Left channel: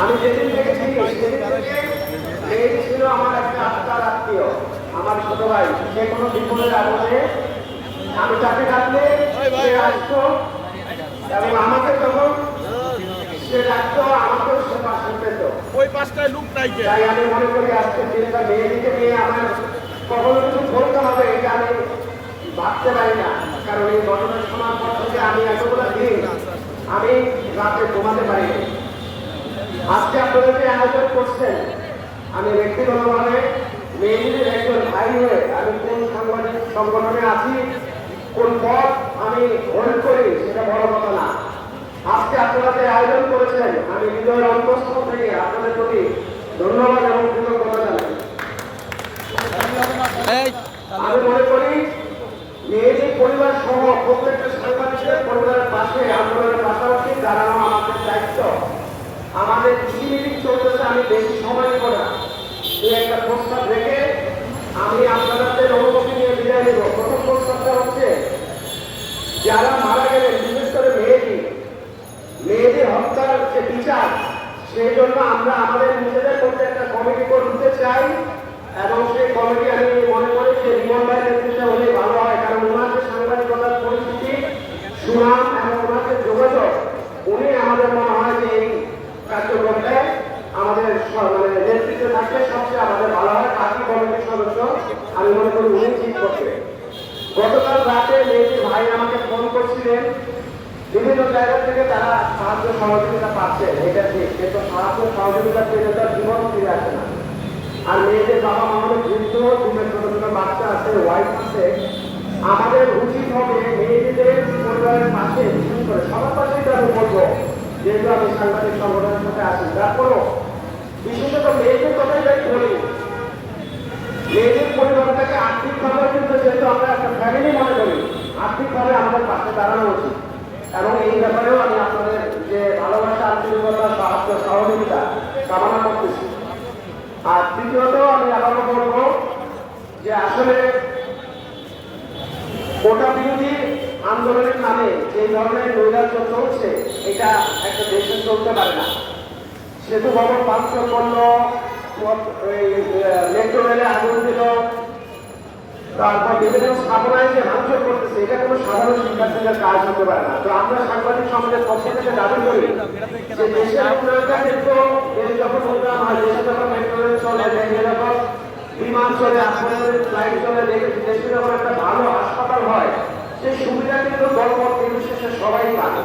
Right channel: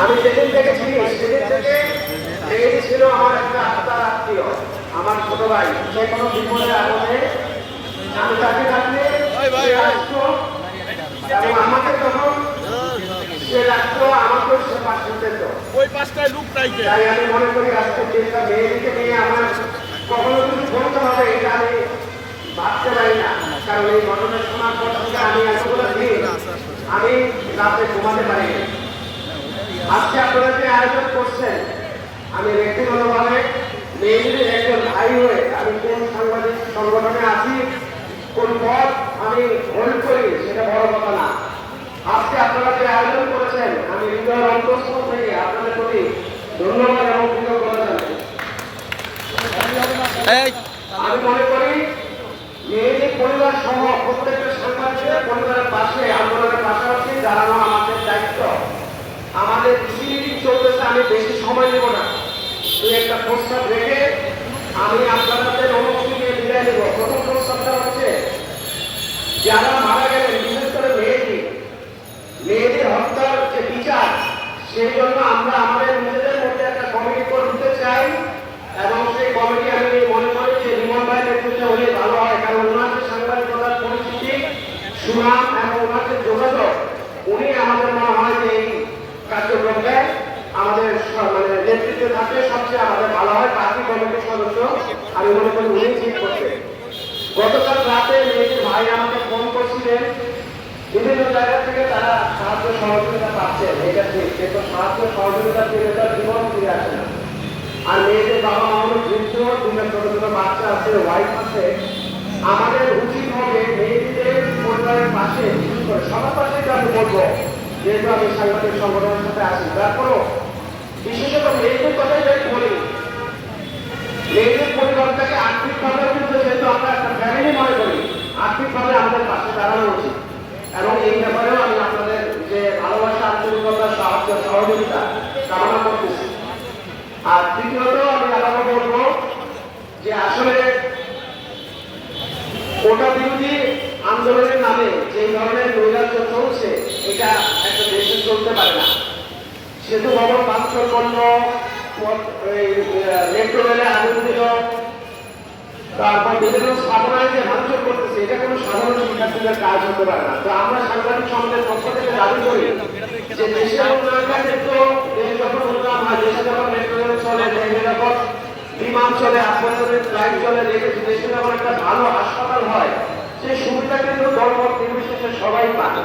আমি যেদিন দেখেছি সেদিন থেকে ছিল আমার একটা আত্মার আত্মীয় আমার ছোট ভাই। যে কোনো বিপদের আগুনে আমি তাকে এবং আমাকে তখন সে রাখতো আমাকে সে ওই পাশটায় লুক নাই তাই আমি মনে করি আজকে যেটা মেয়েকে আমার কখনো কিছু বলতে হবে এটা আমি ভাবতে পারি না কারণ আমি রাতে ঘুমাতে পারিনি আজকে আপনারা যে আয়োজন করছেন আমি ব্যক্তিগতভাবে মেয়েদের একজন ভাই হয়ে আমি কোন সাংবাদিক সংগঠনে আছি কোন পথ আমি হোল্ড করি সেটা বড় কথা না। আজকে আপনারা যে আয়োজন করেছেন আমি হৃদয়ের অন্তঃস্থল থেকে আপনাদের প্রতি ধন্যবাদ এবং কৃতজ্ঞতা জানাই। আমি মনে করি মেয়েদের পরিবার সহ প্রত্যেকটা সাংবাদিকের পরিবারের পাশে পাশাপাশি দাঁড়ানো আমাদের দায়িত্ব। আমাদের কৃষি মিটিং চলতেছে আমি বেশি সময় নেব না। তুই একটা প্রস্তাব রেখে আমি আপনাদের অনুমতি নিয়ে বিদায় নেব প্রথম প্রস্তাবটা হচ্ছে যারা মারা গেলেন বিশেষ করে মেয়েটি মেয়েদের হত্যার যে বিচার সেই জন্য আমরা আমাদের নিজেদের মধ্যে একটা কমিটি করতে চাই এবং সেই কমিটি আমি মনে করি যে বিমল ভাই নেতৃত্বে হলে ভালো হয় কারণ ওনার যে সাংবাদিকতার পরিস্থিতি সুনাম এবং ওনার যে যোগাযোগ উনি আমাদের মনে হয় যে এই কার্যক্রমে আমাদের স- মানে নেতৃত্বে থাকলে সবচেয়ে আমাদের ভালো হয় কাকি কমিটির সদস্য আমি মনে করি উনি ঠিক করতে গতকাল রাতে মেয়েটির ভাই আমাকে ফোন করছিলেন, বিভিন্ন জায়গা থেকে তারা সাহায্য সহযোগিতা পাচ্ছেন, এটা ঠিক, কিন্তু সাহায্য সহযোগিতা পেলে তার জীবন ফিরে আসে না। আর মেয়েদের বাবা মায়ের বৃদ্ধ, দুজন ছোট ছোট বাচ্চা আছে ওয়াইফ আছে। আমাদের উচিত হবে মেয়েদের পরিবারের পাশে বিশেষ করে সবার পাশে আমি বলব, যেহেতু আমি সাংবাদিক সংগঠনের সাথে আছি, তারপরও বিশেষত মেয়েদের কথাই আমি বলি মেয়েদের পরিবারটাকে আর্থিকভাবে কিন্তু যেহেতু আমরা একটা ফ্যামিলি মনে করি আর্থিকভাবে দাঁড়ানো উচিত। এবং এই ব্যাপারেও আমি আপনাদের যে ভালোবাসা, আন্তরিকতা, সাহায্য, সহযোগিতা কামনা করতেছি। আর তৃতীয়ত আমি আবারও বলব যে আসলে কোটা বিরোধী আন্দোলনের নামে যে ধরনের নৈরাজ্য চলছে এটা একটা দেশে চলতে পারে না। সেতু ভবন ভাঙচুর করল তারপর বিভিন্ন স্থাপনায় যে ভাঙচুর করতেছে। এটা কোনো সাধারণ শিক্ষার্থীদের কাজ হতে পারে না। তো আমরা সাংবাদিক সমাজের পক্ষ থেকে দাবি করি যে দেশের উন্নয়নটা কিন্তু দেশ যখন যখন মেট্রো চলে যখন বিমান চলে আন্তর্জাতিক ফ্লাইট চলে, দেশে যখন একটা ভালো হাসপাতাল হয়, সেই সুবিধা কিন্তু সবাই পায়।